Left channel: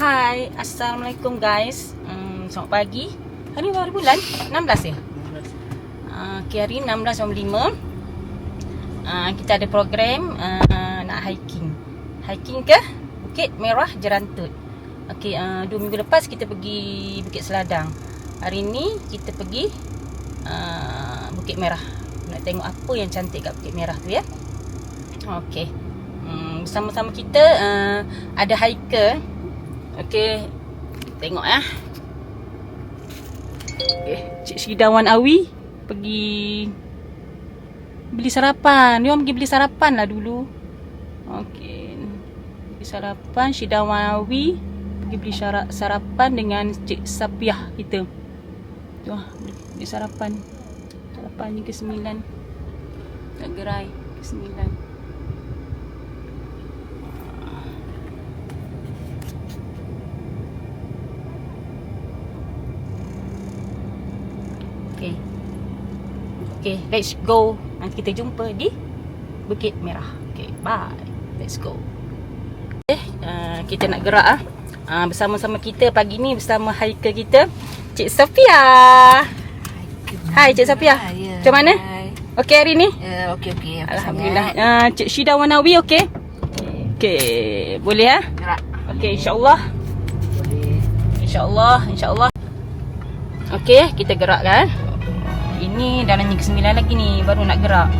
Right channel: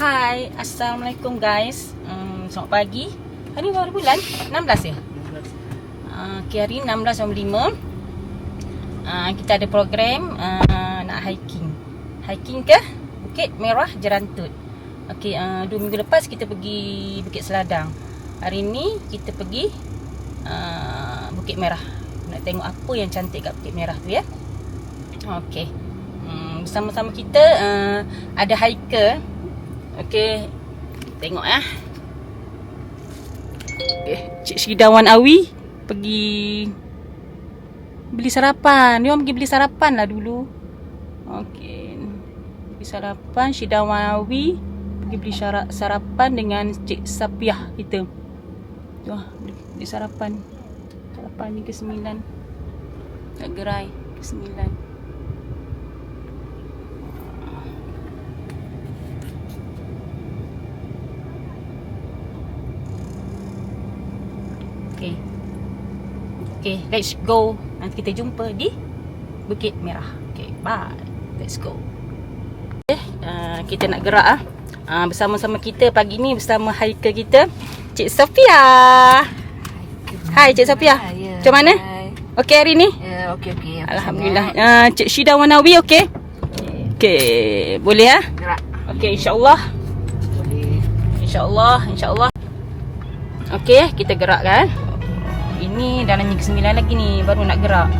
Hai, Assalamualaikum guys. Selamat pagi. Hari ni baru bulan 16 ya? Okay, hari 16.05. Kita ada program nak hiking. Hiking ke Bukit Merah Jerantut. Okay, 2 minggu lepas kita pergi Bukit Seladang. Hari ni kita pergi Bukit Merah. Nak tengok apa yang cantik kat Bukit Merah tu ya. Okay, bersama-sama kita ada hiker. Okay, tengok ya. Okay, Cik Syidawan Awi pergi beli sarapan. Dia orang pergi beli sarapan lah dulu. Okay, beli sarapan. Syidawan Awi pergi beli sarapan dengan Cik Sapiah kita. Tuh, beli sarapan. Sarapan ni ke 9. Kat gerai ke 9. Okay, let's go. Nanti kita jumpa di Bukit Merah. Okay, bye. Let's go. Okay, kita nak gerak bersama-sama kita pagi ni bersama hiker kita, Cik Sofia. Hai Cik Sofia. Macam mana? Okey hari ni? Okey. Alhamdulillah. Cik Syidawan Awi okey? Okey, boleh ah? Gerak. Okey, insya-Allah. Boleh. Insya-Allah. Okey, kita gerak kan? Ini dalam yang ke-9 lagi ni, baru nak gerak.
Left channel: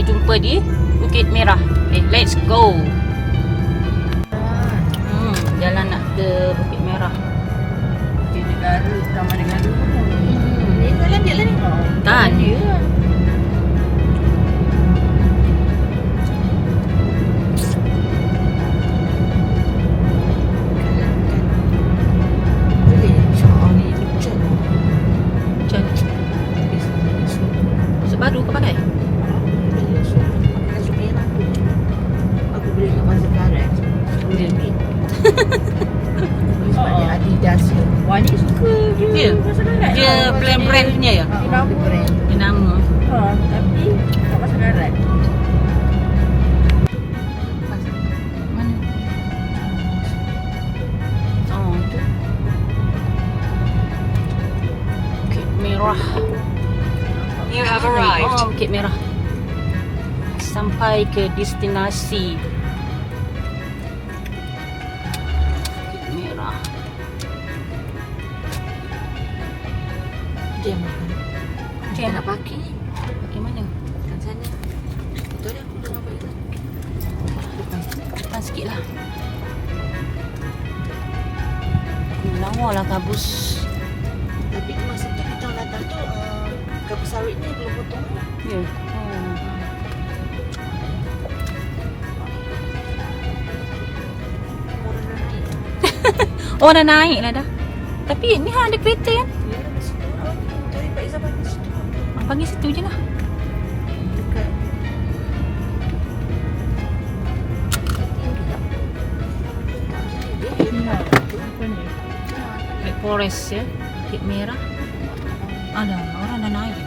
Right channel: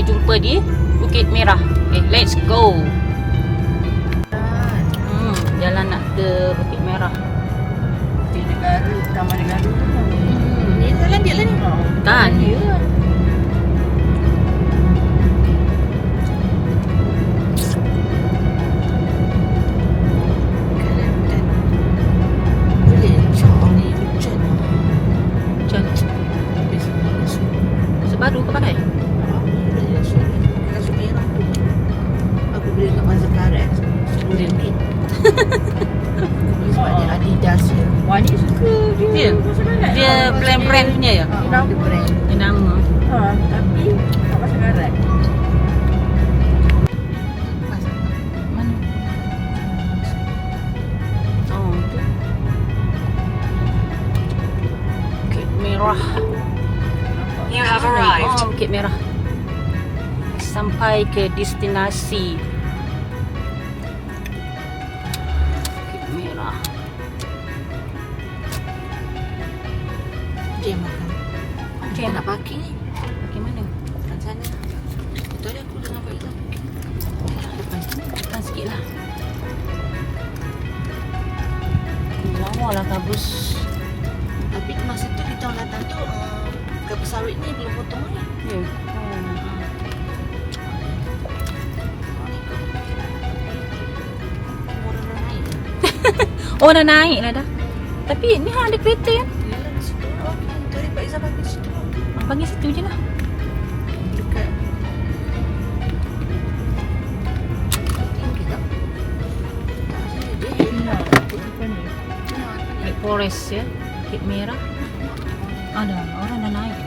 Jumpa di Bukit Merah. Okay, let's go. Jalan nak ke Bukit Merah. Bukit Negara, Taman Negara. Ni jalan je lah ni. Kan? Baru kau pakai? Aku beli kat Pasar Karet. Beli ni. Sebab dia Adidas. Wani suka dia. Dia brand punya ya? Dia nama. Tapi kat Pasar Karet. Mana? Oh, tu. Bukit Merah. You have arrived. Oh, Bukit Merah. Sampai ke destinasi Bukit Merah. Dia makan. Dia Nak parking ni. Parking mana? Depan sana. Betul dah aku tengah balik lah. Depan sikit lah. Lawa lah kabus. Tapi masa tu kita datang tu kelapa sawit ni belum potong ni. Ya. Oh dah naik lah dah. Tapi ni ada kereta kan? Tadi Pak Izzah panggil situ. Panggil situ je lah. Dekat. Black Forest ya. Bukit Merah. Ada orang dah naik.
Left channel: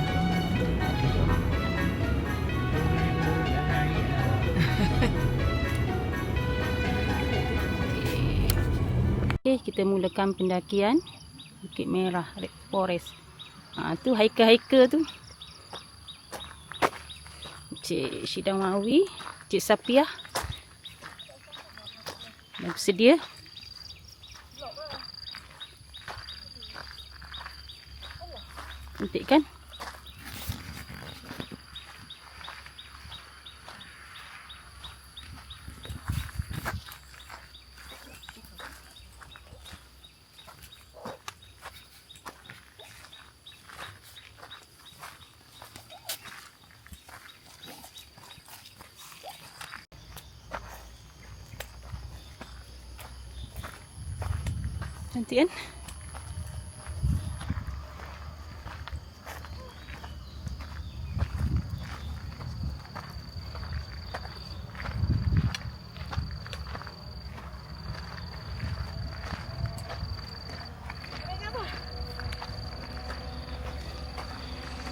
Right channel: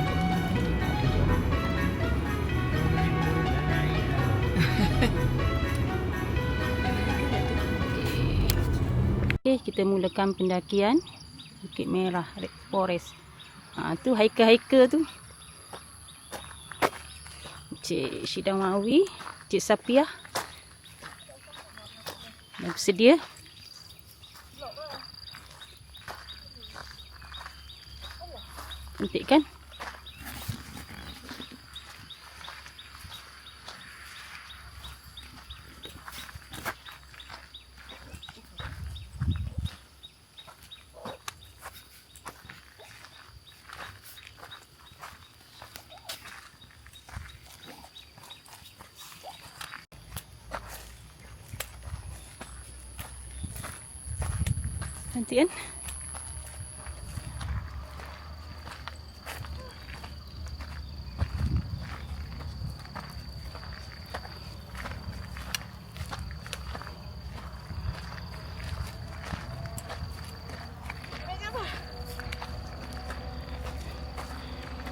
Okay, kita mulakan pendakian Bukit Merah Red Forest. Tu hiker-hiker tu. Cik Syidawan Awi, Cik Sapiah. Dah bersedia. Cantik kan? Cantik kan?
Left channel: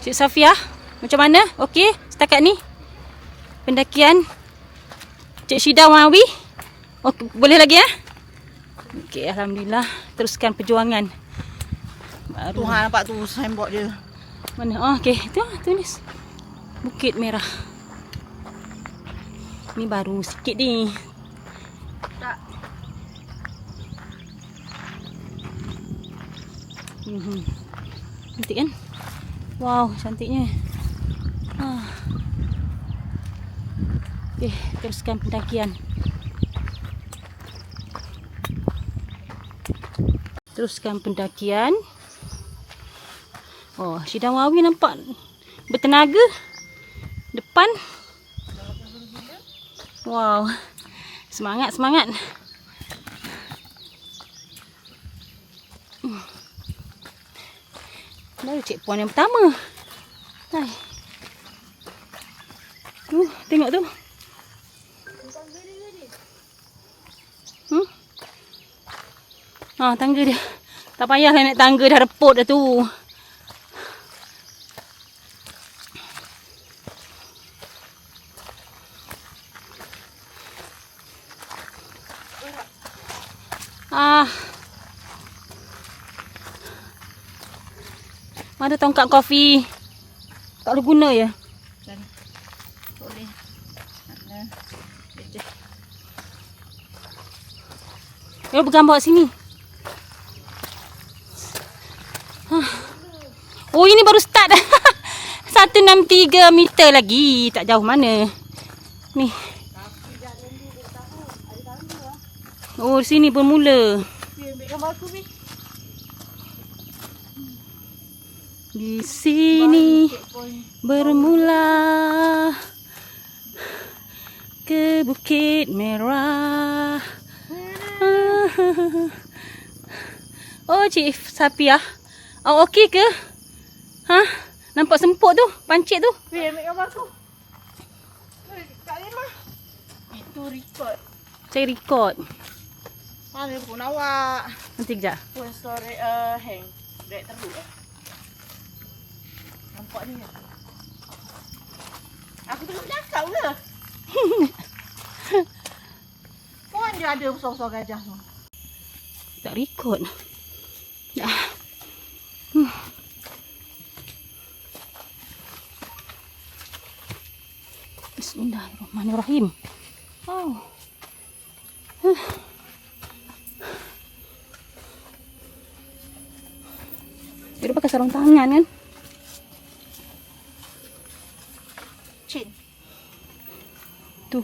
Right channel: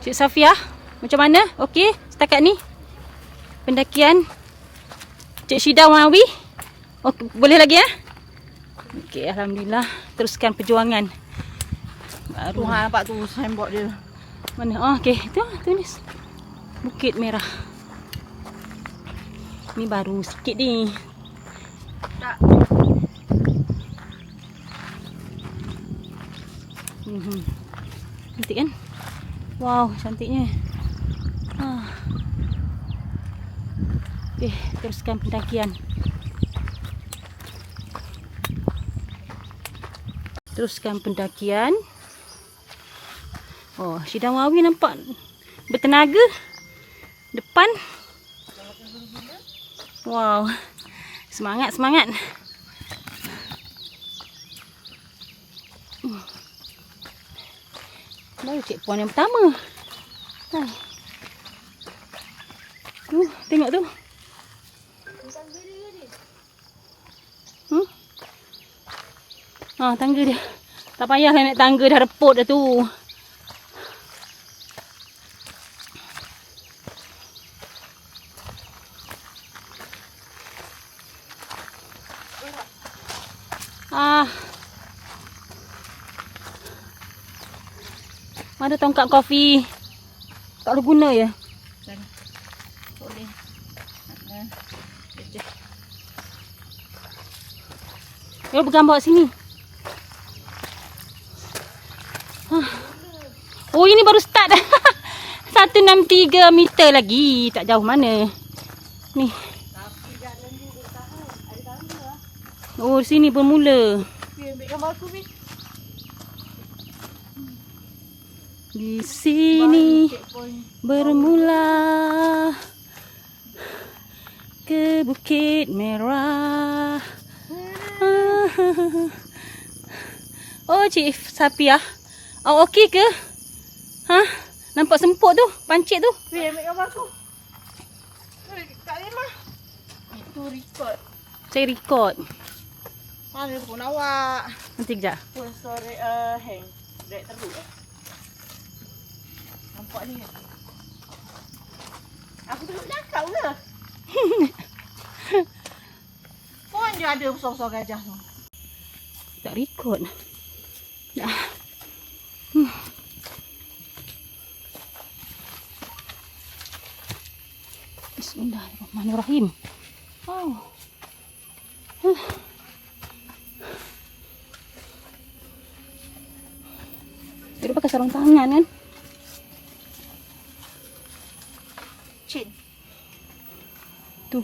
Cik Safia, macam mana? Okey setakat ni? Pendakian Cik Syida Wawi? Okey, boleh lagi ya? Okey, alhamdulillah. Teruskan perjuangan. Baru. Tuhan nampak tu signboard dia. Mana? Oh, okey. Tu tulis. Bukit Merah. Ni baru sikit ni. Tak. Cantik kan? Wow, cantiknya. Okey, teruskan pendakian. Teruskan pendakian. Oh, Syida Wawi nampak bertenaga. Depan. Wow. Semangat, semangat. Baru cik puan yang pertama. Hai. Tengok tu. Tangga dia. Tak payahlah naik tangga, dah reput dah tu. Mana tongkat kopi? Tak boleh guna ya? Cari. Boleh. Dia bergambar sini. Oh, ini baru start. 163 meter lagi. Tak jauh mana. Ni. Oh, sini bermula. Ambil gambar aku ni. Di sini bermula ke Bukit Merah. Oh, Cik Safia. Awak okey ke? Nampak semput tu, pancit tu. Ambil gambar aku. Kak Limah. Itu record. Saya record. Mana pun awak. Nanti kejap. Pun story hand. Dek teruk. Nampak ni. Aku duduk belakang lah. Pun dia ada besar-besar gajah tu. Tak record. Dah. Bismillahirrahmanirrahim. Wow. Dia pakai sarung tangan kan? Chin. Tu.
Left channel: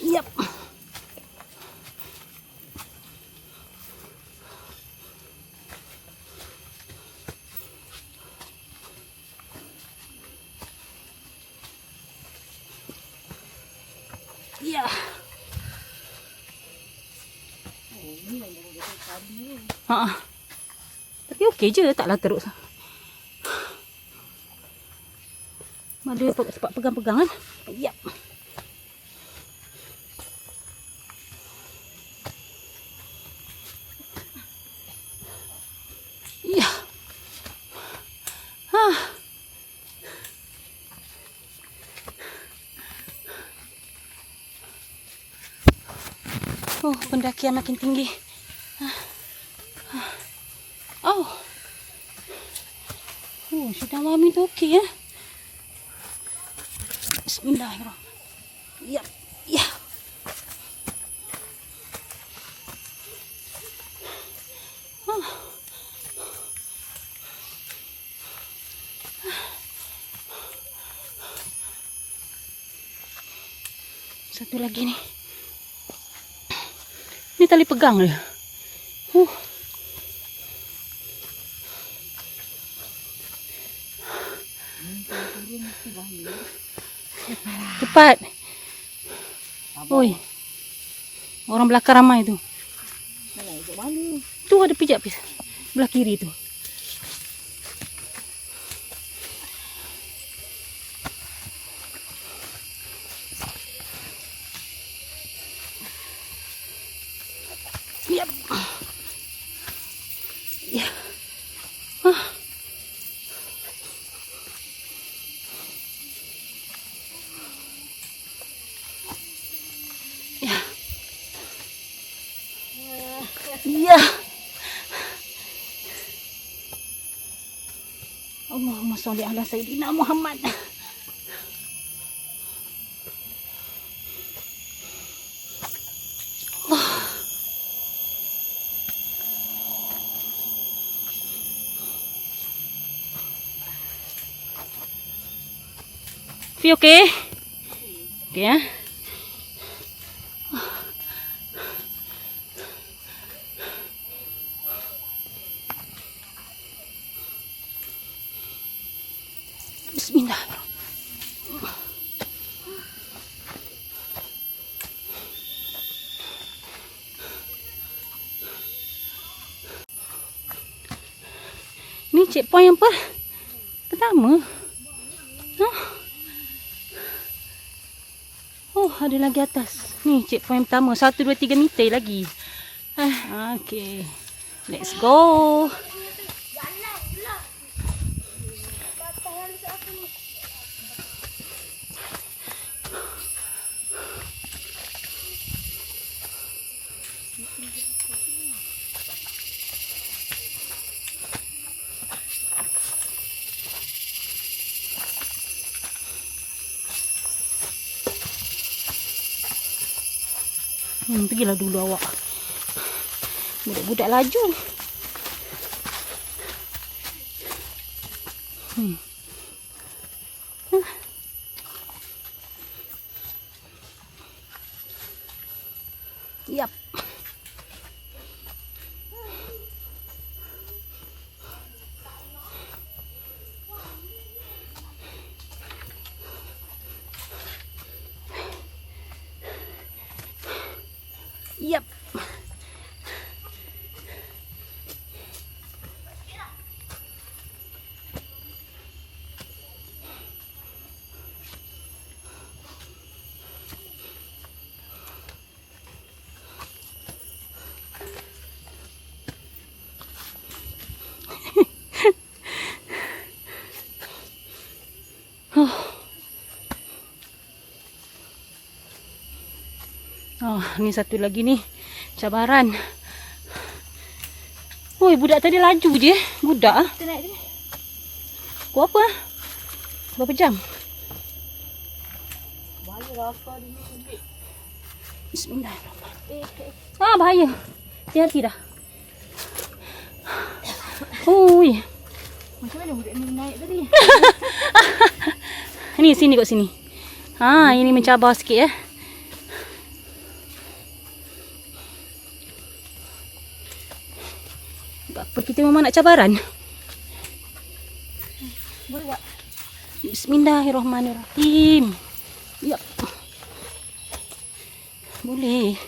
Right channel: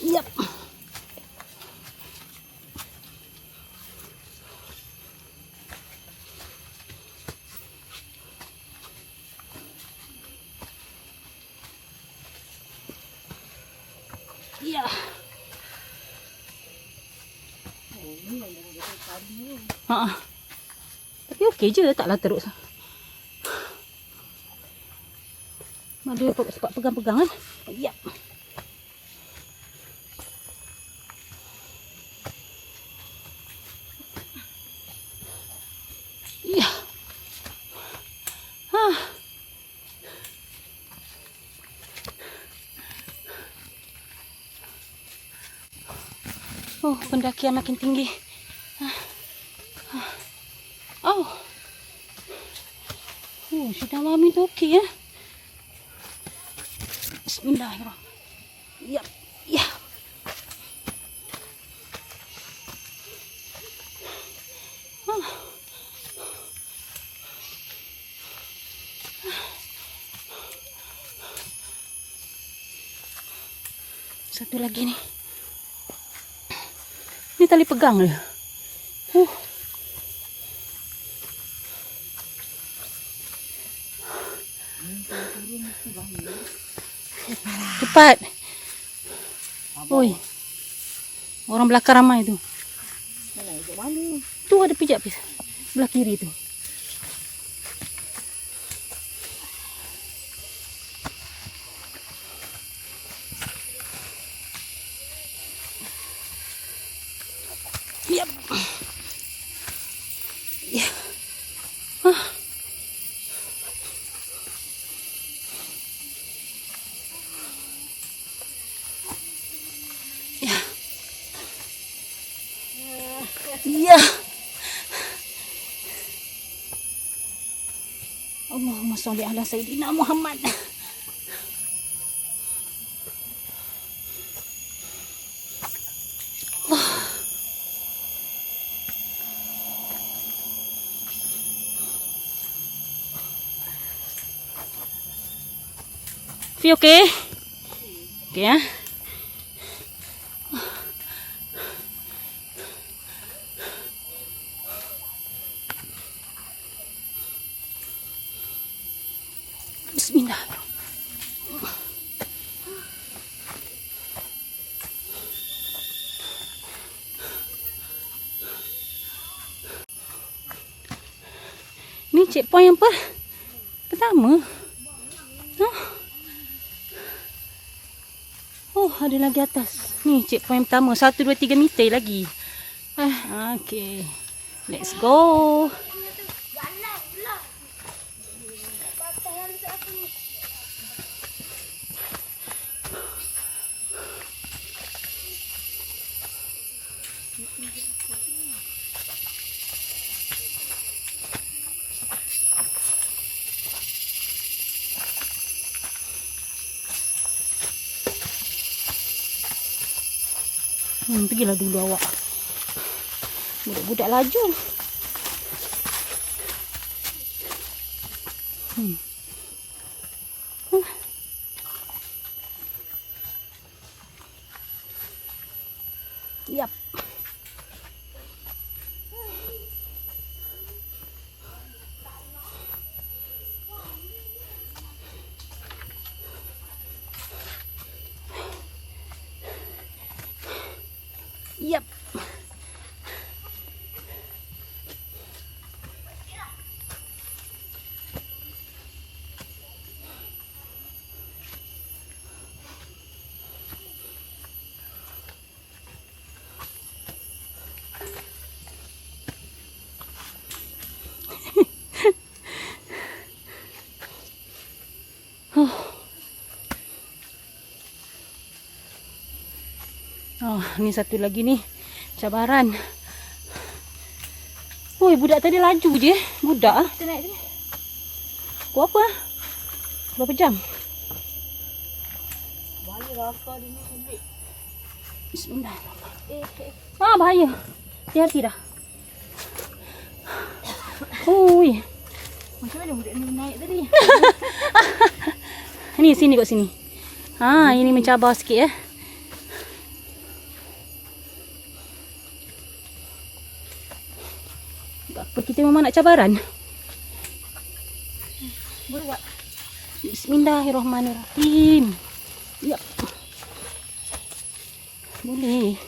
Yap. Ya. Oh, ni yang dah ada tadi ni. Tapi okey je, taklah teruk. Dia sebab pegang-pegang kan. Yap. Ya. Oh, pendakian makin tinggi. Oh. Oh, Syida Wawi tu okey ya. Bismillahirrahmanirrahim. Yap. Ya. Satu lagi ni. Ni tali pegang dia. Cepat. Oi. Orang belakang ramai tu. Mana ikut mana? Tu ada pijak pis. Belah kiri tu. Yap. Ya. Ah. Ya. Ya. Allahumma sholli ala sayyidina Muhammad. Feel okay? Okay ya. Bismillah. Ni checkpoint yang pertama. Oh, ada lagi atas. Ni checkpoint pertama. 1, 2, 3 meter lagi. Okay. Let's go. Pergilah dulu awak. Budak-budak laju. Yap. Yap. Oh, ni satu lagi ni cabaran. Oi, budak tadi laju je. Budak ah. Kita naik tu. Kau apa? Berapa jam? Bahaya rasa dia ni sempit. Bismillah. Ah, bahaya. Hati-hati dah. Oi. Macam mana budak ni naik tadi? Ni sini kat sini. Ha, ini mencabar sikit eh. Apa kita memang nak cabaran? Boleh tak? Bismillahirrahmanirrahim. Ya. Boleh.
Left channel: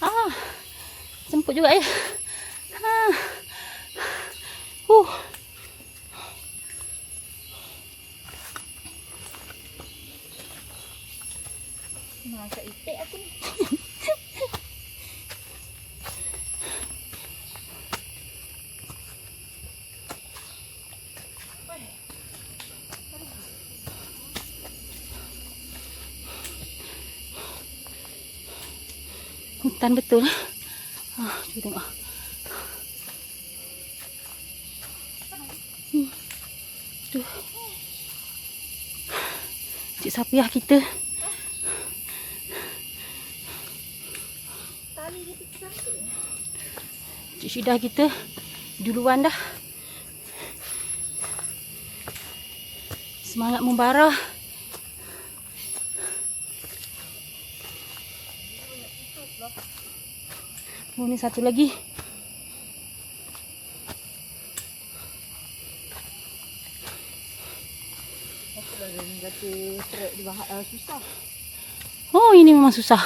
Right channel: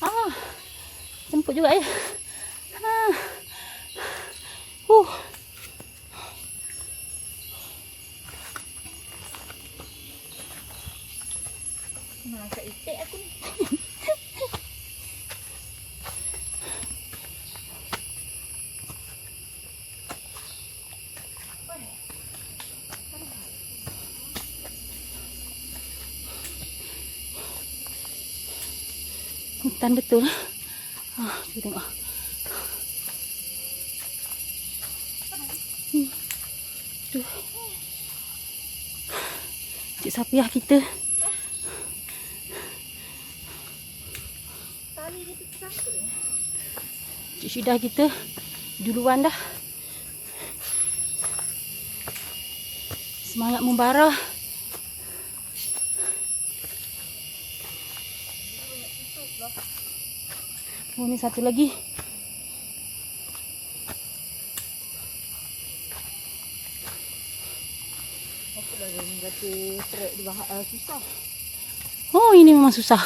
Ah. Semput juga ya. Ah. Macam itik aku ni. Hutan betul. Kita tengok. Tuh. Cik Safiah kita. Tali dia tersangkut. Cik Syidah kita duluan dah. Semangat membara. Oh, ni satu lagi. Apalah dia ni kata trek dia susah. Oh, ini memang susah.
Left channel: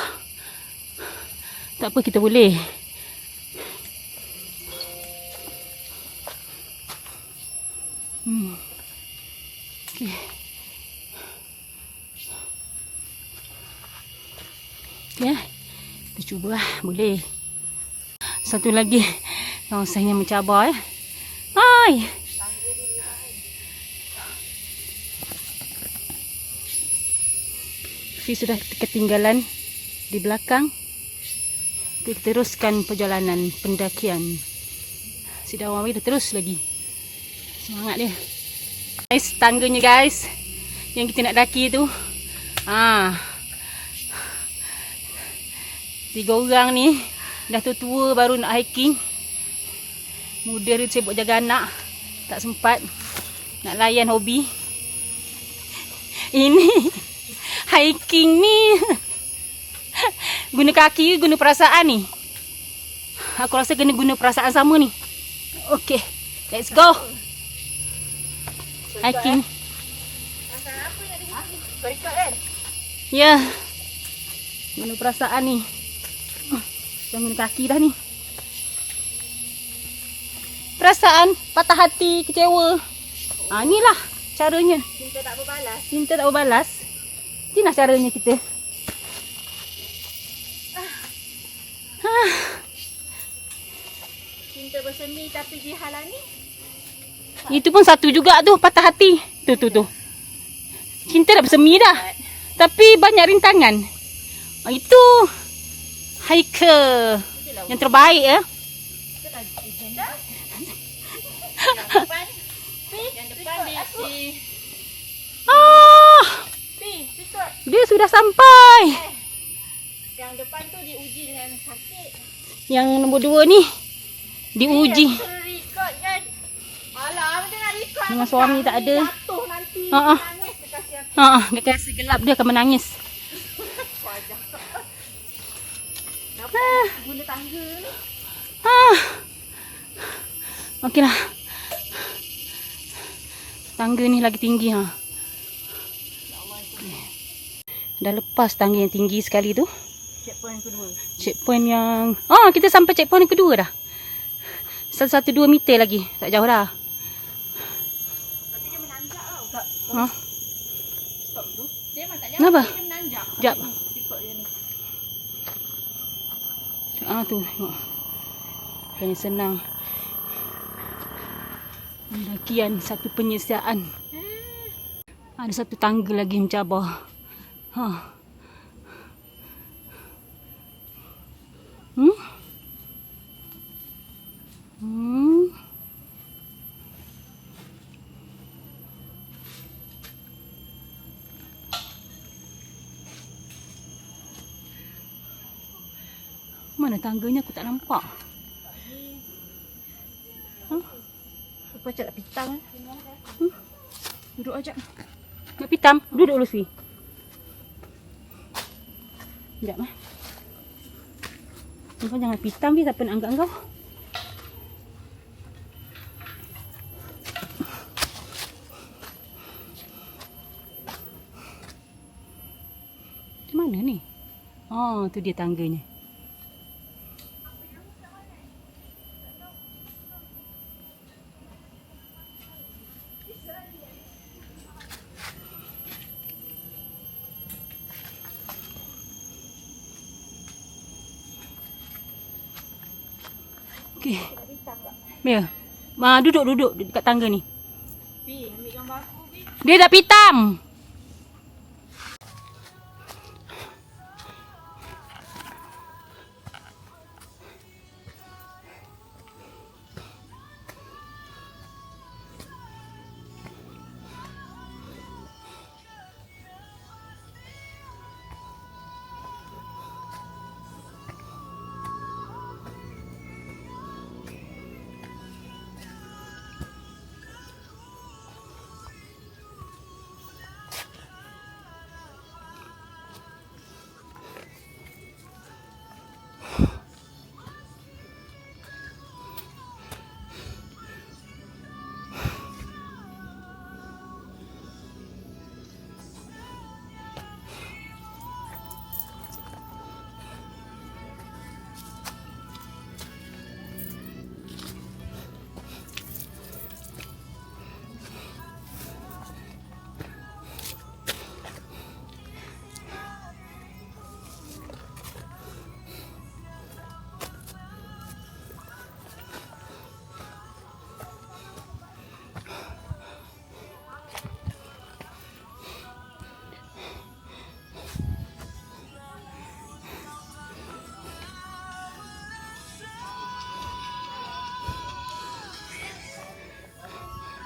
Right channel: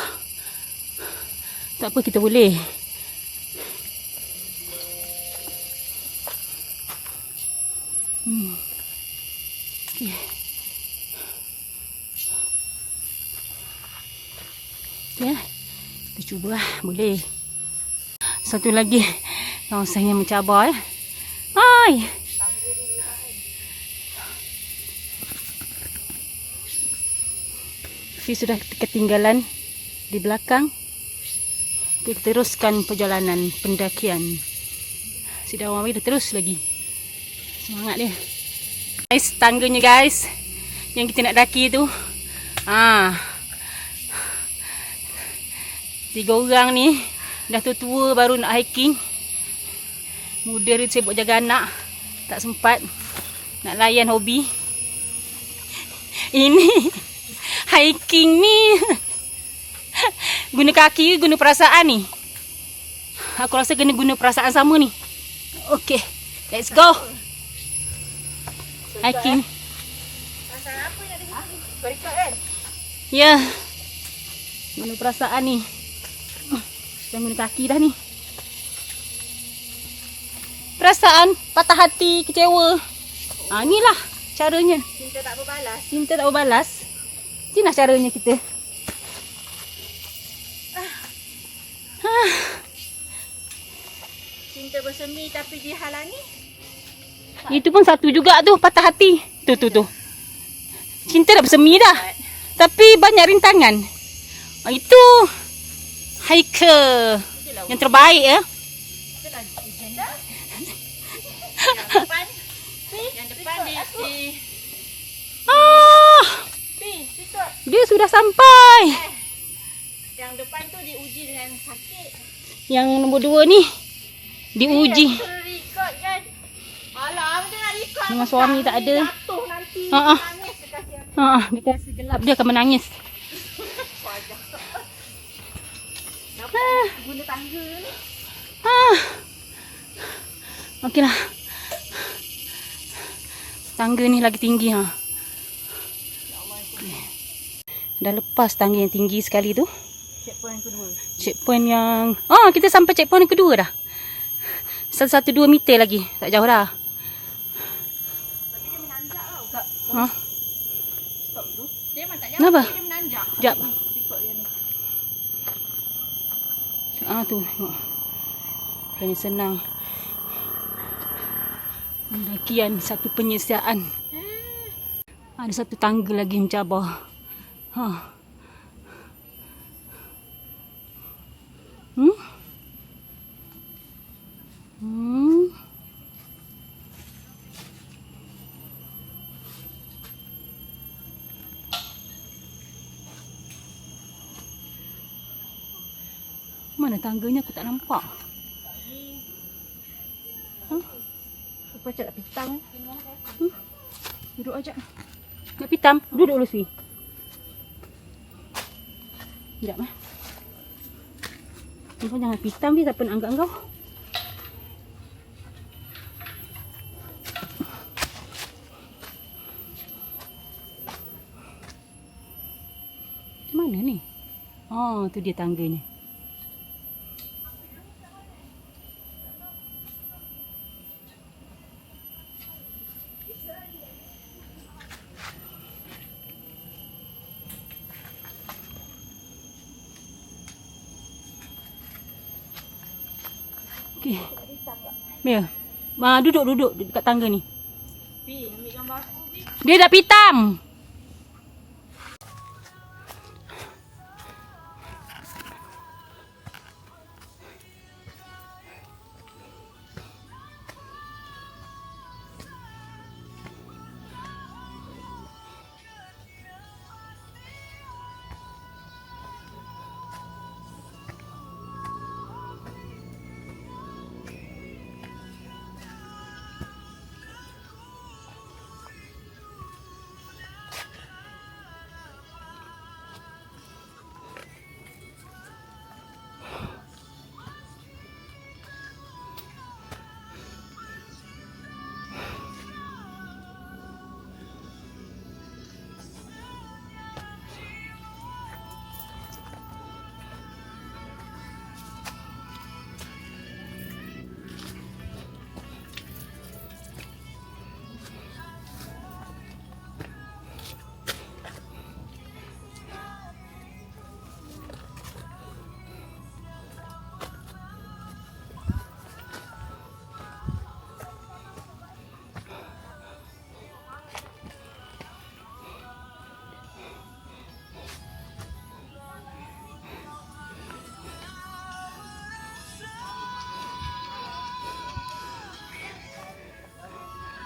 Tak apa, kita boleh. Okay. Okay. Kita cuba lah. Boleh. Satu lagi. Kawasan yang mencabar. Hai. Fi sudah ketinggalan di belakang. Kita teruskan perjalanan pendakian. Si Dawawi dah terus lagi. Semangat dia. Guys, tangganya guys. Yang kita nak daki tu. 3 orang ni. Dah tua-tua baru nak hiking. Muda dia sibuk jaga anak. Tak sempat nak layan hobi. Ini hiking ni guna kaki, guna perasaan ni. Aku rasa kena guna perasaan sama ni. Okay, let's go. Hiking. Ya. Guna perasaan ni. Jangan guna kaki dah ni. Perasaan, patah hati, kecewa. Inilah caranya. Cinta tak berbalas. Cinta tak berbalas. Inilah caranya kita. Cinta bersemi tapi dihalangi. Itu pun satu juga tu, patah hati. Tu. Cinta dah bersemi dah. Tapi banyak rintangan. Itu hiker yang terbaik ya. Yang depan di Dia sudah sampai. yang depan tu diuji dengan sakit. Yang nombor 2 ni diuji. Record kan. Alah, dia nak record. Memang suami tak ada. Jatuh nanti. Ha. Nangis dia kasi aku. Dia kasi gelap, dia akan menangis. Guna tangga ni. Okeylah. Tangga ni lagi tinggi Dah lepas tangga yang tinggi sekali tu. Checkpoint kedua. Checkpoint yang kita sampai checkpoint yang kedua dah. 1-2 meter lagi. Tak jauh dah. Tapi dia menanjak tau. Stop tu. Dia memang tak jauh. Kenapa? Dia menanjak. Sekejap. Ikut dia ni. Tu tengok. Bukannya senang. Pendakian satu penyesiaan. Ada satu tangga lagi mencabar. Mana tangganya aku tak nampak. Apa cak nak pitang kan? Duduk aja. Nak pitam? Duduk dulu sih. Sekejap Kau jangan pitam ni, siapa nak anggap kau? Di mana ni? Tu dia tangganya. Okey. Ya. Duduk dekat tangga ni. Pi, ambil gambar aku, Pi. Dia dah pitam.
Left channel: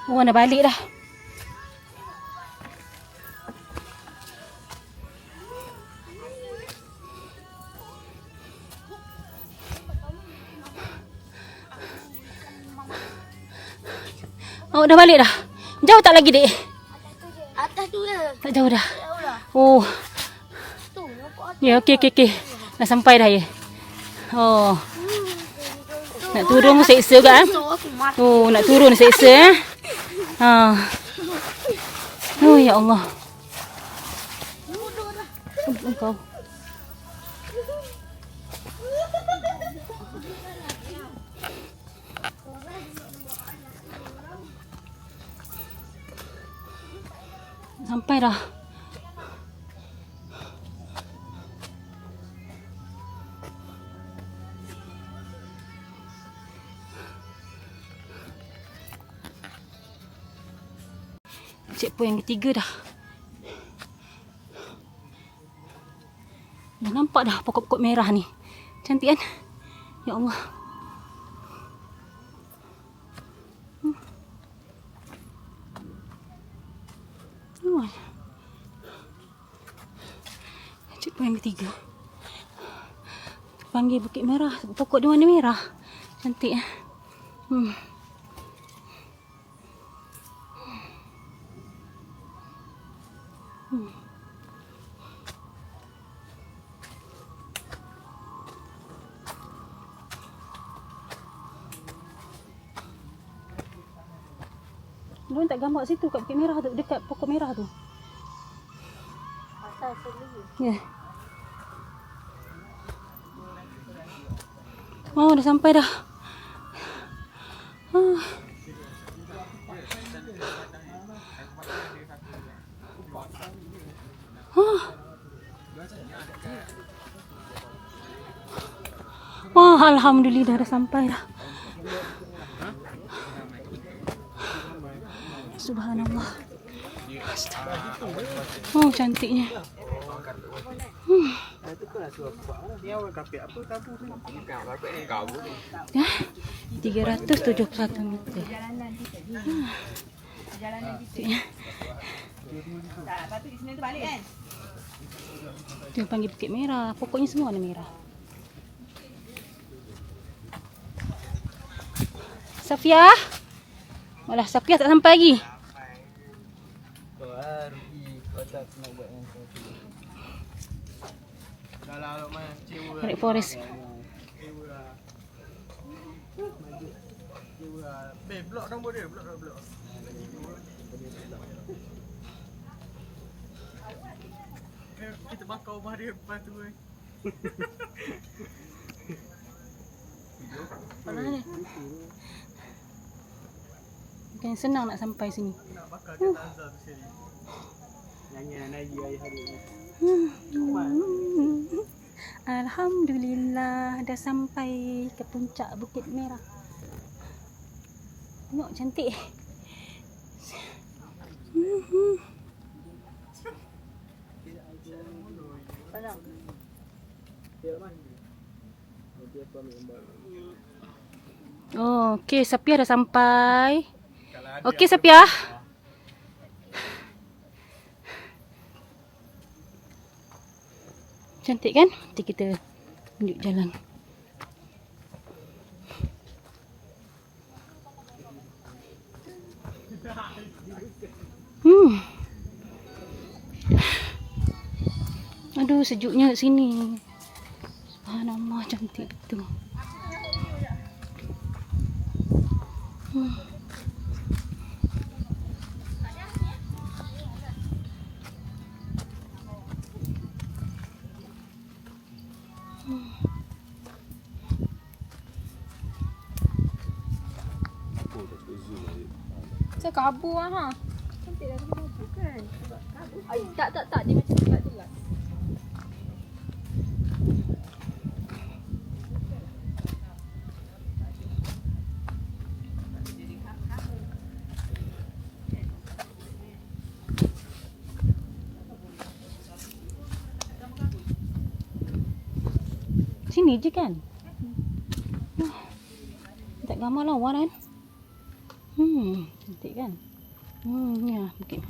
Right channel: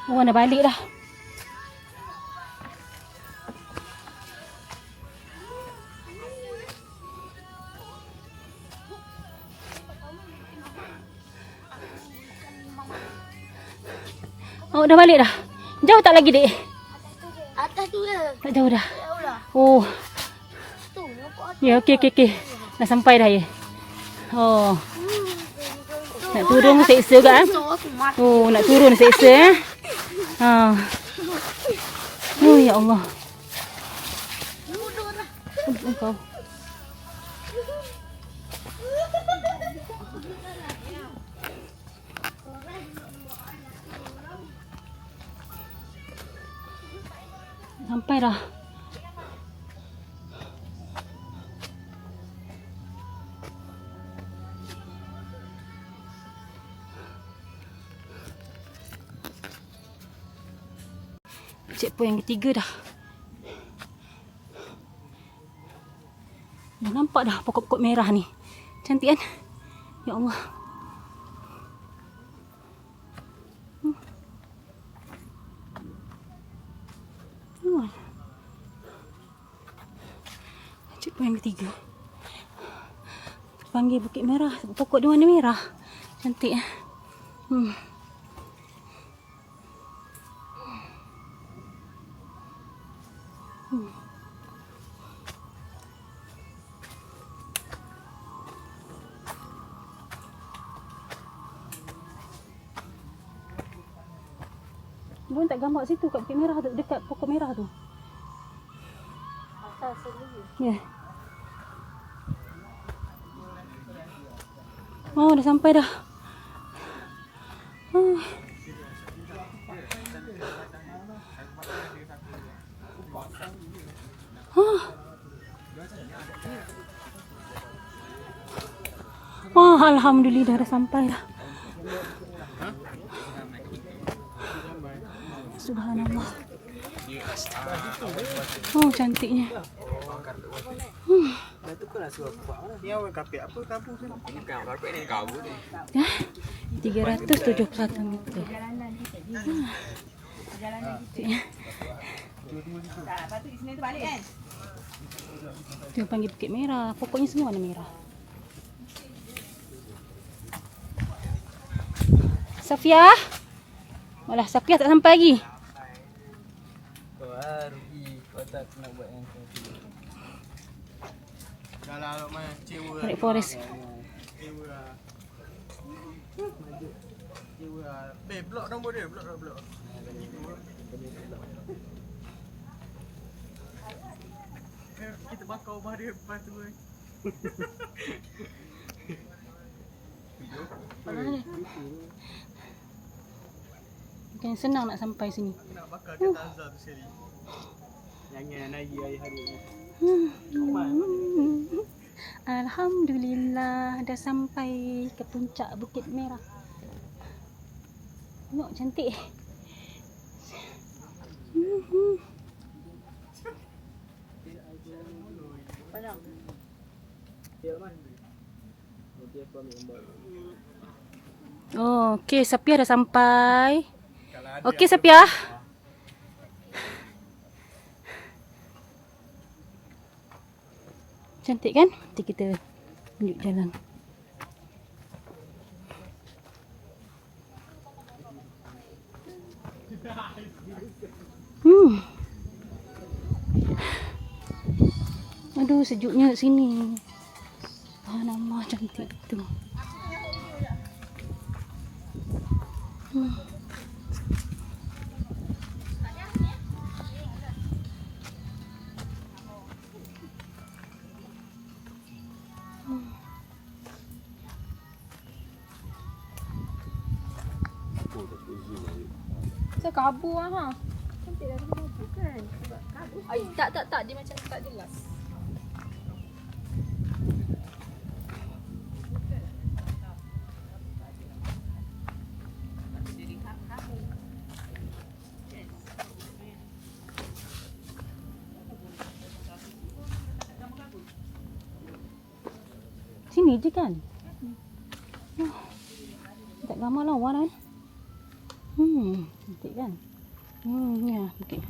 Oh, dah balik dah. Oh, dah balik dah. Jauh tak lagi, Dek? Atas tu dah. Tak jauh dah. Jauh dah. Oh, Tu, nampak atas. ya, okey. Dah sampai dah ya. Oh, nak turun seksa kan? Tu aku mati. Oh, nak turun seksa eh. Ha. Oh, ya Allah. Engkau. Sampai dah. Checkpoint yang ketiga dah. Dah nampak dah pokok-pokok merah ni. Cantik kan? Ya Allah. Checkpoint yang ketiga. Panggil Bukit Merah. Pokok dia warna merah. Cantik eh. Diorang tak gambar situ kat Bukit Merah tu, dekat pokok merah tu. Atas sendiri. Ya. Yeah. Oh, dah sampai dah. Wah, alhamdulillah dah sampai dah. Subhanallah. Oh, cantiknya. Ya, 371 meter. Cantiknya. Dia panggil Bukit Merah. Pokoknya semua warna merah. Safia. Malah Safia tak sampai lagi. Tarik forest. Blok nombor dia, blok. Kita bakar rumah dia lepas tu. Bukan senang nak sampai sini. Nak bakar dia Tanzah tu sini. Nyanyian lagi hari ni. Alhamdulillah dah sampai ke puncak Bukit Merah. Tengok cantik. Oh, okey, Safia dah sampai. Okey, Safia. Cantik kan? Nanti kita tunjuk jalan. Aduh, sejuknya kat sini. Subhanallah, cantik betul. So kabur lah ha. Cantik lah kabur kan. Kabur. Ay, tak dia macam tak jelas. Sini je kan? Tak gambar lawa kan? Cantik kan? Ya, okey.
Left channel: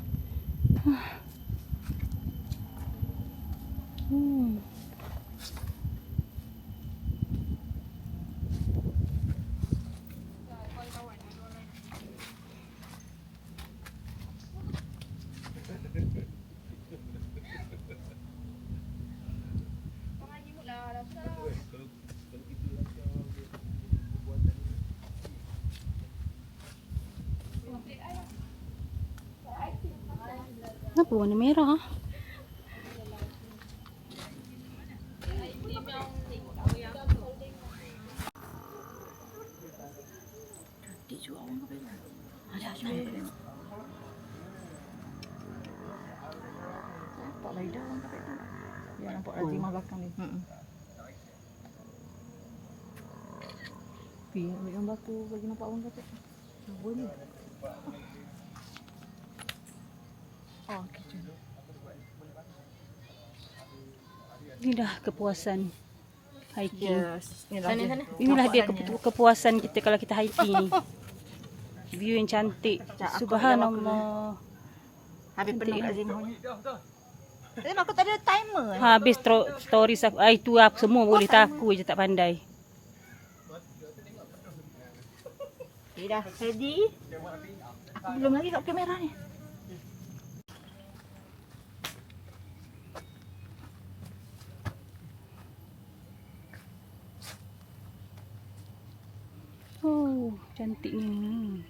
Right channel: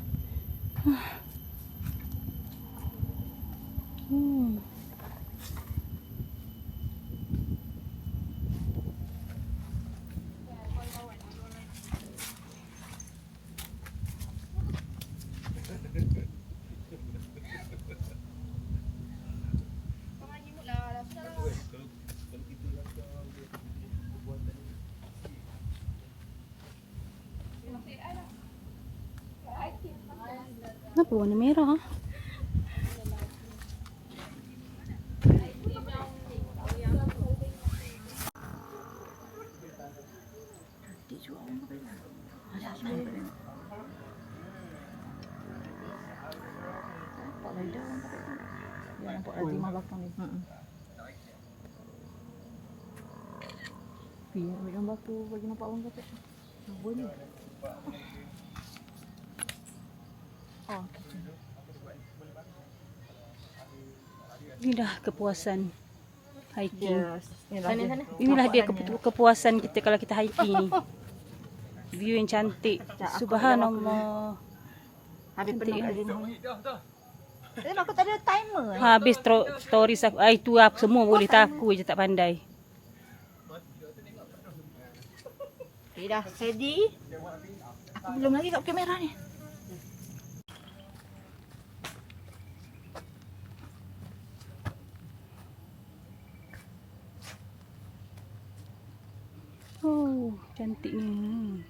Kenapa warna merah? Cantik juga orang pakai ni. Ada asal pakai ni. Nampak lidah orang pakai ni. Ya, nampak Azimah belakang ni. Biar ambil gambar tu bagi nampak orang pakai. Nampak ni. Oh, okey. Ini dah kepuasan hiking. Sana. Inilah dia kepuasan kita kalau kita hiking ni. View yang cantik. Subhanallah. Habis Cantik penuh kan? Azimah. Tapi aku tak ada timer. Habis stories aku. Itu aku semua boleh tahu je tak pandai. Okay, dah ready. Aku belum lagi kat kamera ni. Oh, cantiknya.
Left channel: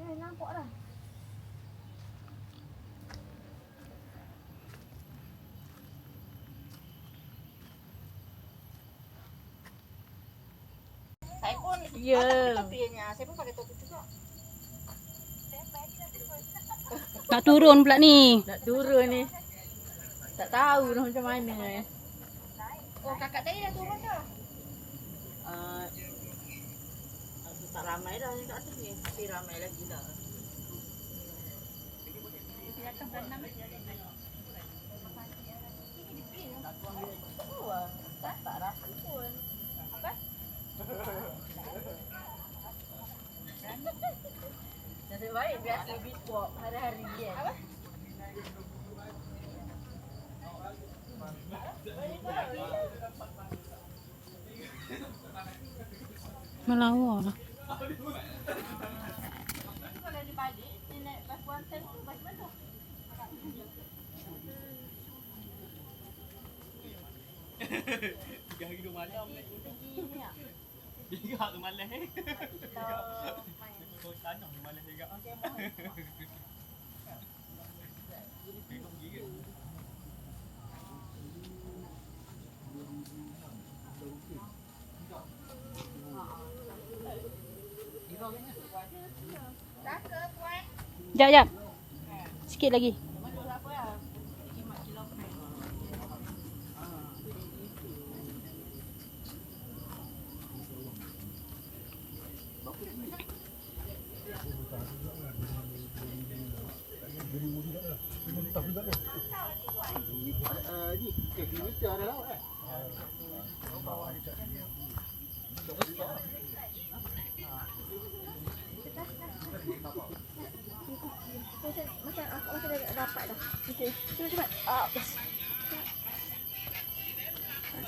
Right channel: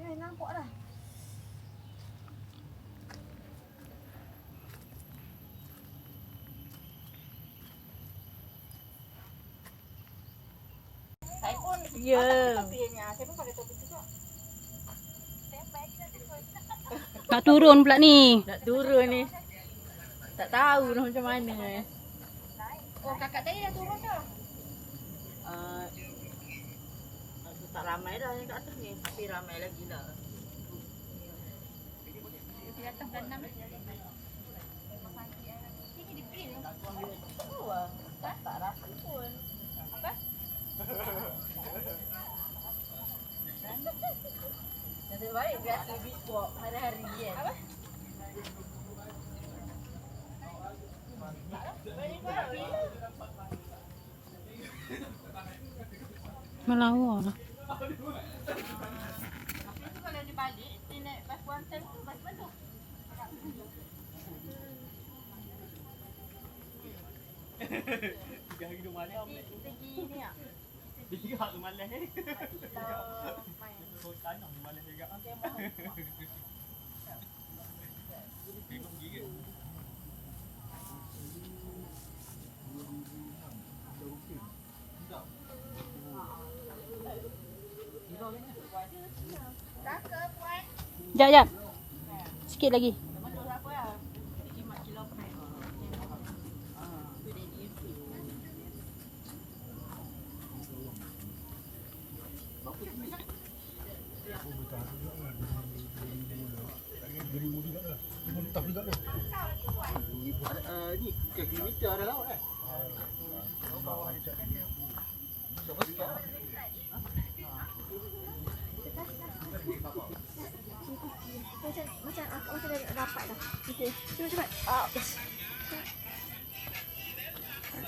Nampak dah. Saya pun saya pun pakai topi juga. Nak turun pula ni. Nak turun ni. Tak tahu dah macam mana. Oh, kakak tadi dah turun dah. Aku tak ramai dah yang kat atas ni. Tapi ramai lagi lah. Oh, tak rasa pun. Apa? Nasib baik biasa beach walk hari-hari kan. Apa? Melawar lah. Jap. Sikit lagi.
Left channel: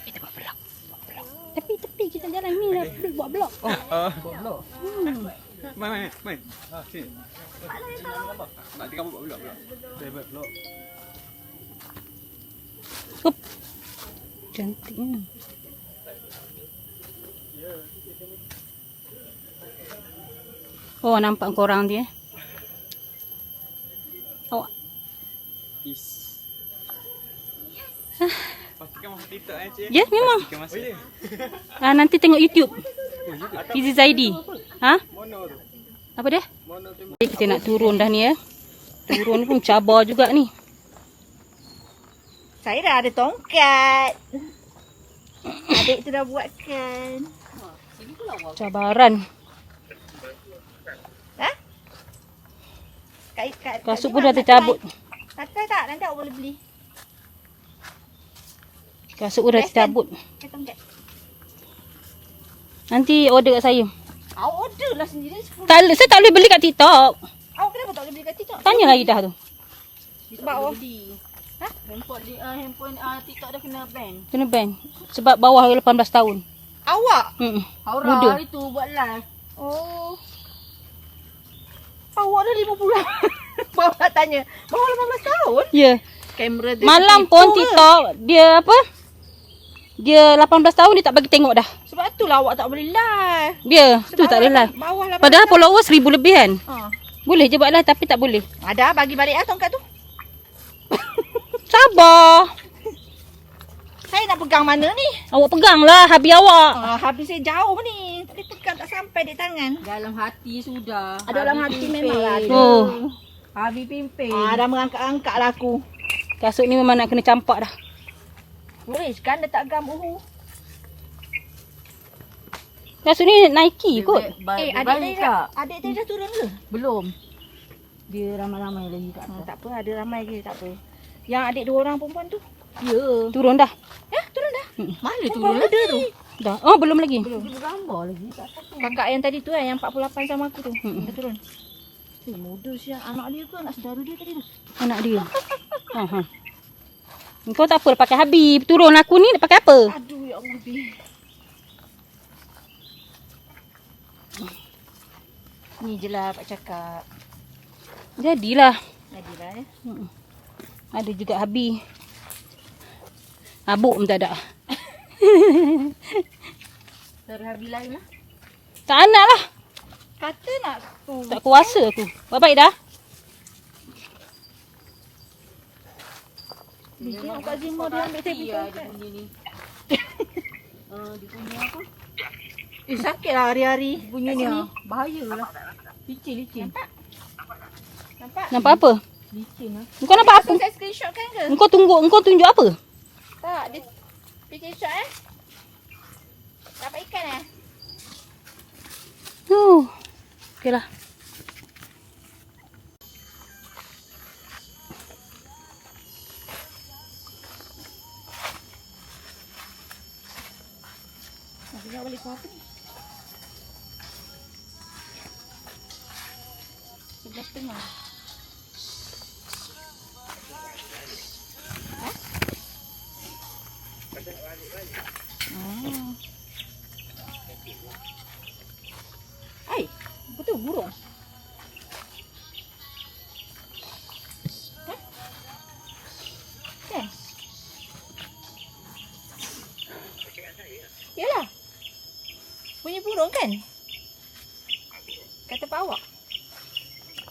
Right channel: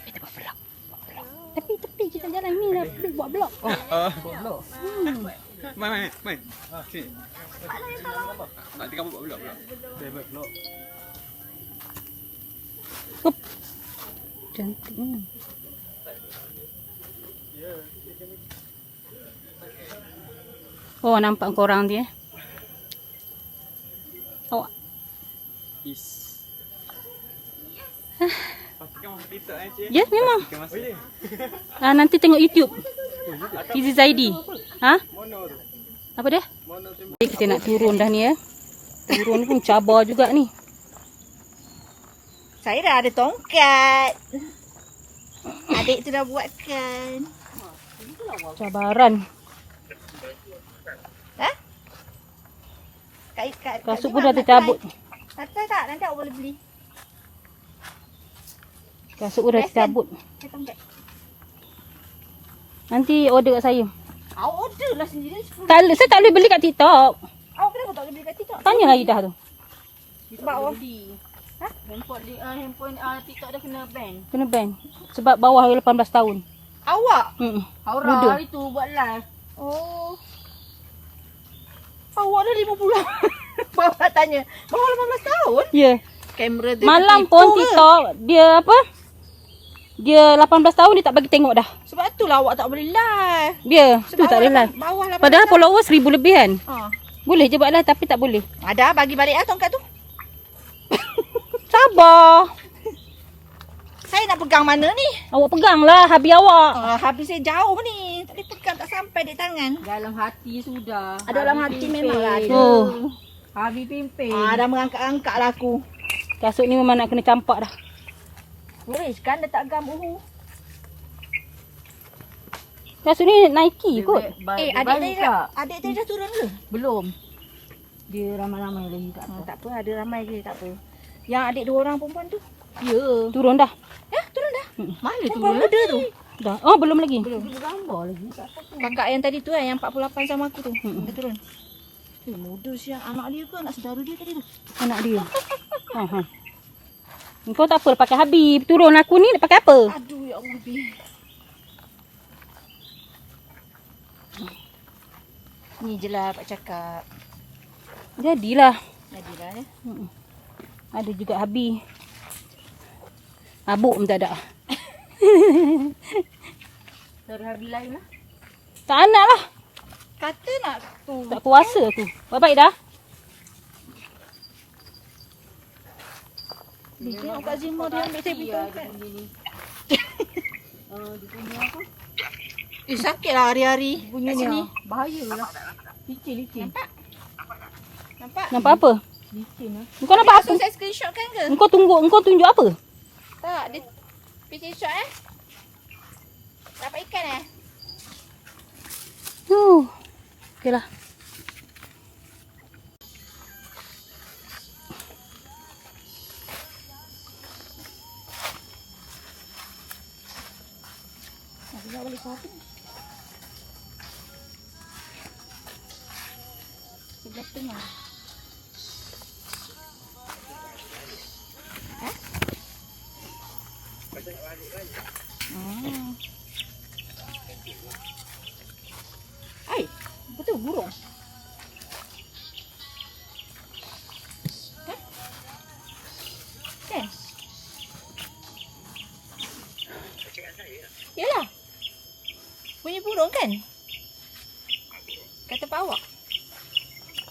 Kita buat vlog. Tepi kita jalan ni dah buat vlog. Buat vlog. Main. Sini. Sini ambil gambar. Nanti kamu buat vlog. Saya buat vlog. Hup. Cantik. Oh, nampak korang dia. Awak. Is. Pastikan masuk TikTok cik. Ya, memang. Masuk. Nanti tengok YouTube. Fizi Zaidi. Ha? Mono tu. Apa dia? Mono tu. Kita nak turun dah ni ya. Turun pun cabar juga ni. Saya dah ada tongkat. Adik tu dah buatkan. Cabaran. Kak Kasut pun dah tercabut. Tatai tak? Nanti awak boleh beli. Kasut udah cabut. Saya tongkat. Nanti order kat saya. Awak order lah sendiri. Saya tak boleh beli kat TikTok. Awak kenapa tak boleh beli kat TikTok? Tanyalah Ida tu. Sebab awak Handphone TikTok dah kena ban. Kena ban. Sebab bawah 18 tahun. awak. Muda. Hari tu buat live. Oh. Awak dah 50. Bawa nak tanya. Bawah 18 tahun? Ya. Kamera dia Malam tertipu pun ke? TikTok dia apa? Dia 18 tahun dia tak bagi tengok dah. Sebab tu lah awak tak boleh live. Dia tu Sebab tak boleh awak lah. Bawah 18 Padahal tahun. followers 1000 lebih kan. Ha. Boleh je buat lah tapi tak boleh. Ada bagi balik lah tongkat tu. Sabar. Saya nak pegang mana ni? Awak pegang lah habis awak. Habis saya jauh ni. Tak boleh pegang, tak sampai di tangan. Dalam hati sudah. Ada dalam hati memang lah ada. Oh. Habis pimpin. Dah mengangkat-angkat lah aku. Kasut ni memang nak kena campak dah. Weh, kan dia tak gam uhu. Kasut ni Nike kot. Adik tadi dah turun ke? Belum. Dia ramai-ramai lagi kat atas. Tak apa, ada ramai je, tak apa. Yang adik 2 orang perempuan tu? Ya. Turun dah. Ya, turun dah. Mana tu? Perempuan muda tu. Dah. Oh belum lagi. Belum gambar lagi. Kakak yang tadi tu yang 48 sama aku tu. Dia turun. Muda siang. Anak dia ke anak saudara dia tadi tu? Anak dia. Kau tak apa pakai Habib. Turun aku ni nak pakai apa? Aduh, ya Allah, Bi. Ni je lah Pak cakap. Jadilah. Jadilah ya. Ada juga Habib. Abuk pun tak ada. Saudara Habib lain lah. Tak nak lah. Kata nak tu. Tak kuasa aku. Baik-baik dah. Bi, tengok Kak Zima dia ambil saya pergi tongkat. Sakit lah hari-hari. Bunyinya bahaya lah. Licin. Nampak apa? Licin lah. Kau nampak apa? Saya screenshot kan ke? Engkau tunjuk apa? Tak, dia screenshot Dapat ikan Oh. Okeylah. Nak balik ke apa ni? Sebelah tengah. Betul burung. Kan? Yalah. Bunyi burung kan? Kata Pak awak.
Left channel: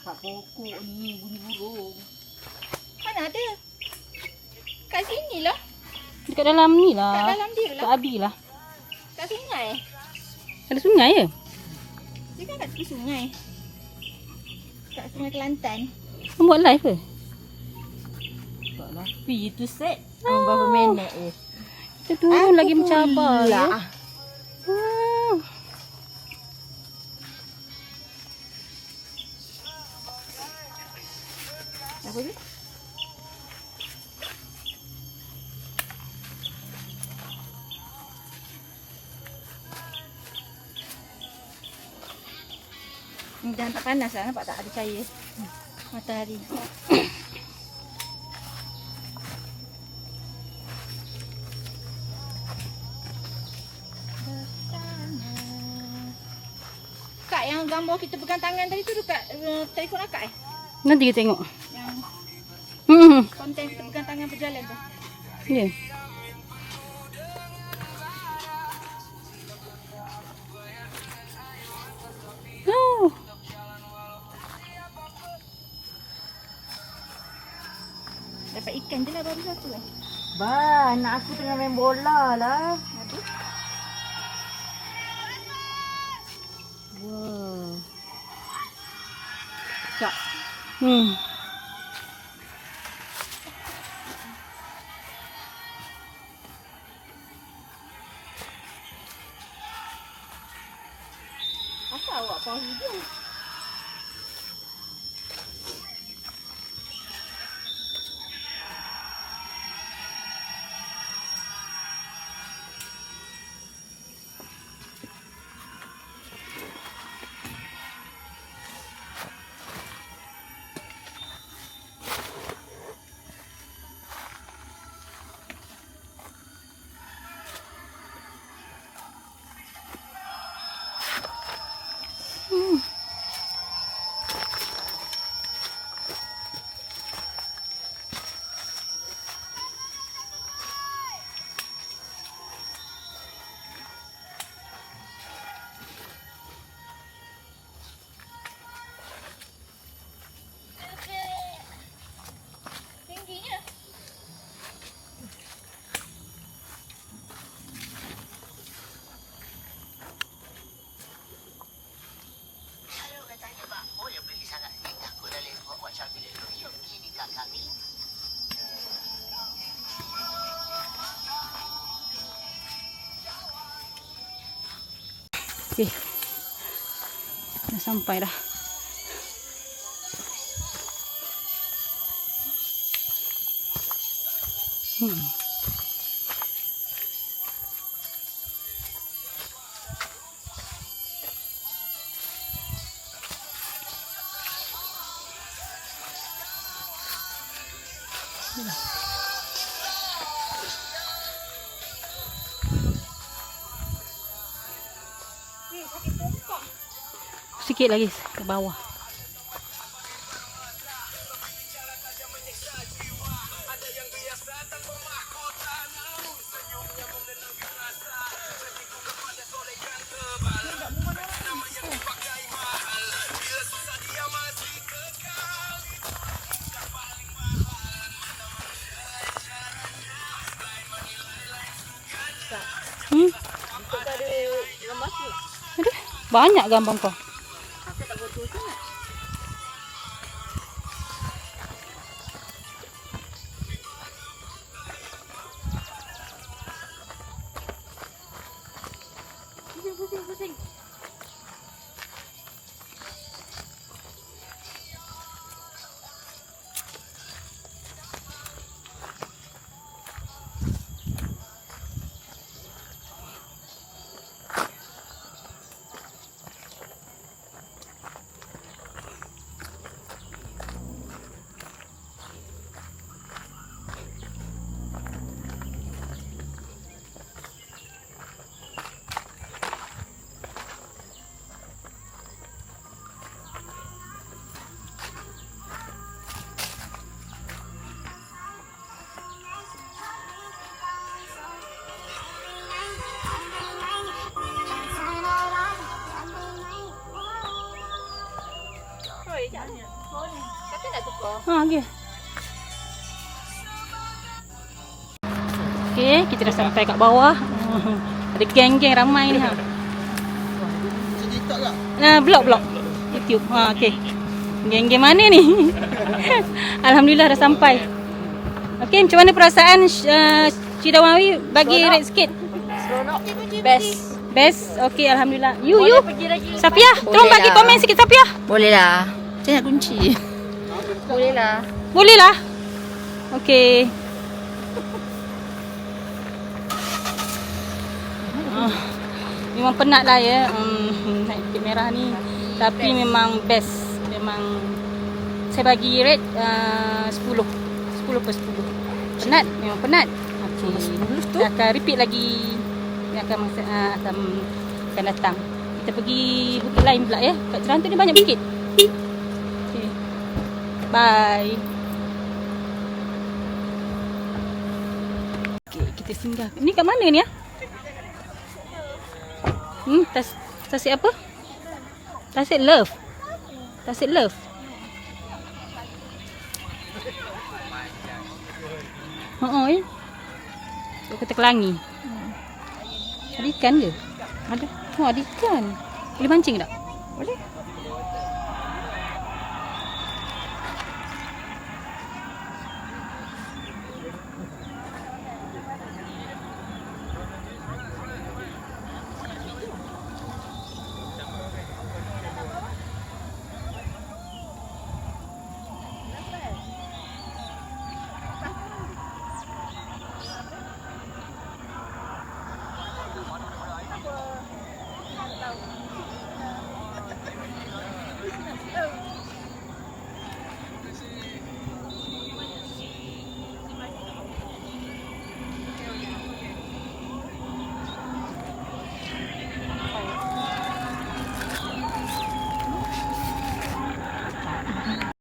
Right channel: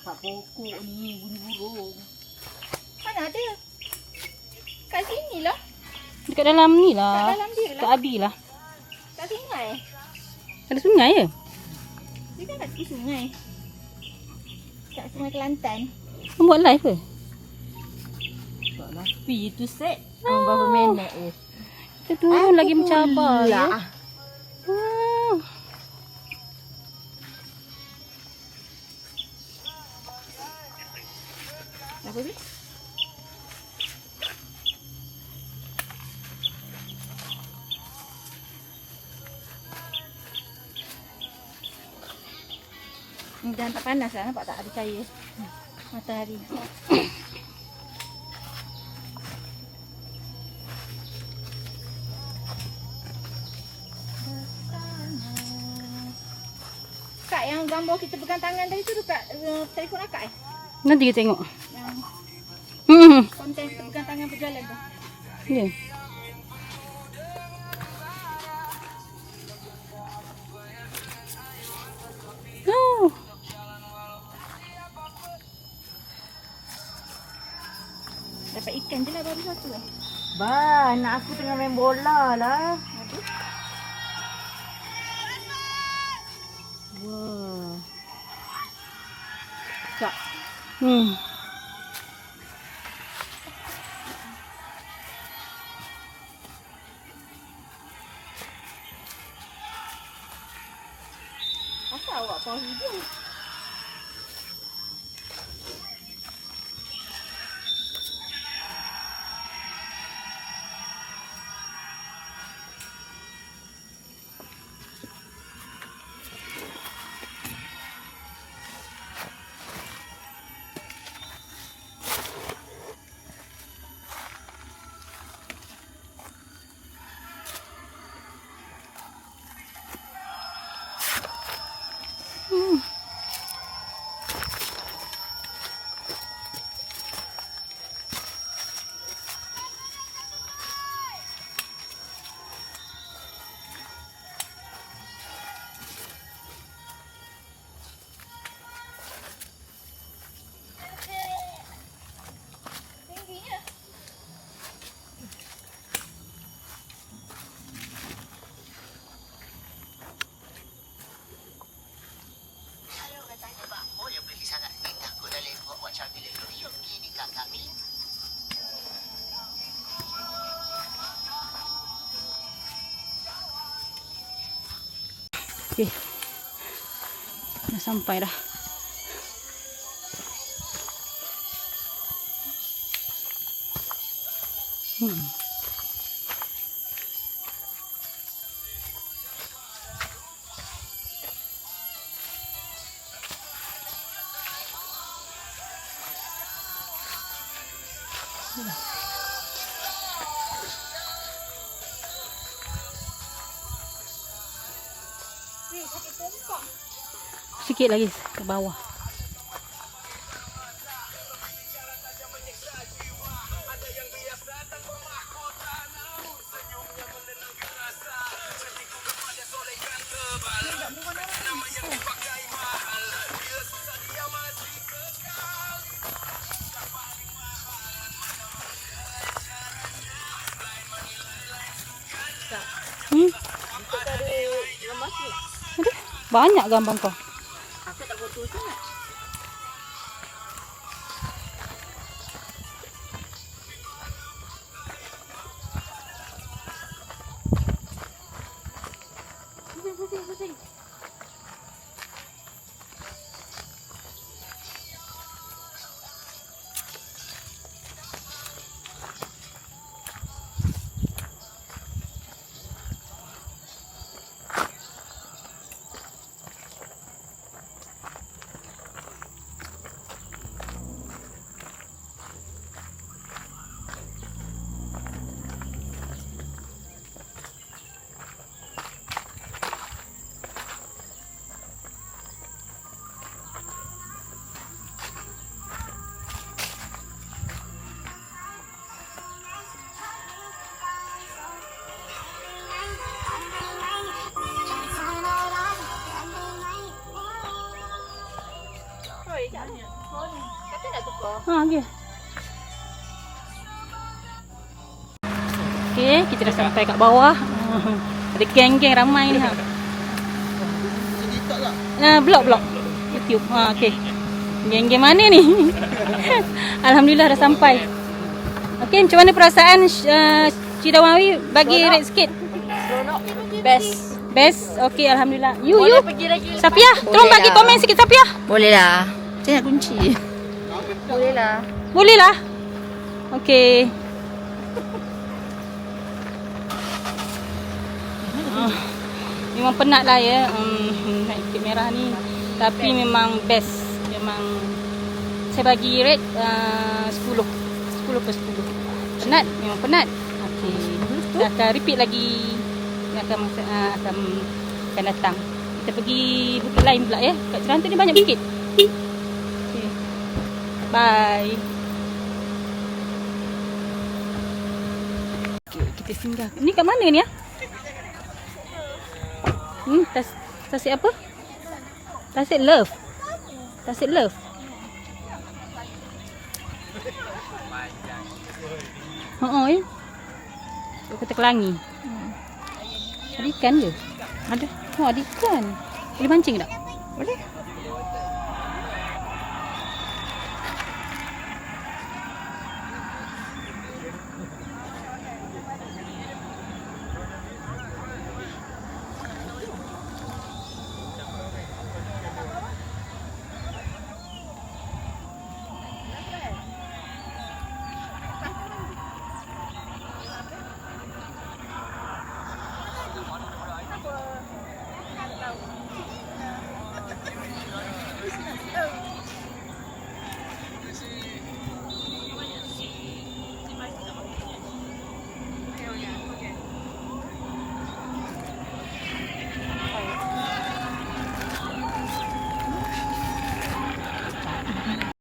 Kat pokok ni bunyi burung. Mana ada? Kat sini lah. Dekat dalam ni Kat lah. dalam dia Kat lah. Abi lah. Kat sungai. Ada sungai ya? Dia kan kat tepi sungai. Kat Sungai Kelantan. Kau buat live ke? Tak lah. Pi tu set. Berapa minit Kita turun lagi mencabar ya. lah. Apa tu? Jangan tak panas lah, nampak tak ada cahaya matahari. Kak, yang gambar kita pegang tangan tadi tu dekat telefon akak Nanti kita tengok. Yang Hmm. konten kita pegang tangan berjalan tu. Ya. Oh. Dapat ikan je lah baru satu Bah, anak aku tengah main bola lah. Wah. Cak. Apa awak pause video? Okey. Dah sampai dah. Sikit lagi ke bawah. Ada banyak gambar kau. Aku tak betul sangat. Pusing. Okey. Okey, kita dah sampai kat bawah. Ada geng-geng ramai ni ha. TikTok tak? Blog YouTube. Okey. Geng-geng mana ni? Alhamdulillah dah sampai. Okey, macam mana perasaan Cidawawi bagi rate sikit? Seronok. Best. Okey, alhamdulillah. You. Pergi lagi. Safiah, tolong bagi komen sikit Safiah. Boleh lah. Saya nak kunci. Boleh lah. Boleh lah. Okey. Memang penat lah ya naik Bukit Merah ni. Tapi memang best. Memang saya bagi rate 10. 10/10. Penat, memang penat. Okey. Kita akan repeat lagi. Dia akan datang. Kita pergi bukit lain pula ya. Kat Jerantu ni banyak bukit. Okey. Bye. Okey, kita singgah. Ni kat mana ni ah? Tasik apa? Tasik Love. Tasik Love. Ya. So kita Kelangi. Ada ikan ke? Ada. Ada ikan. Boleh mancing tak? Boleh.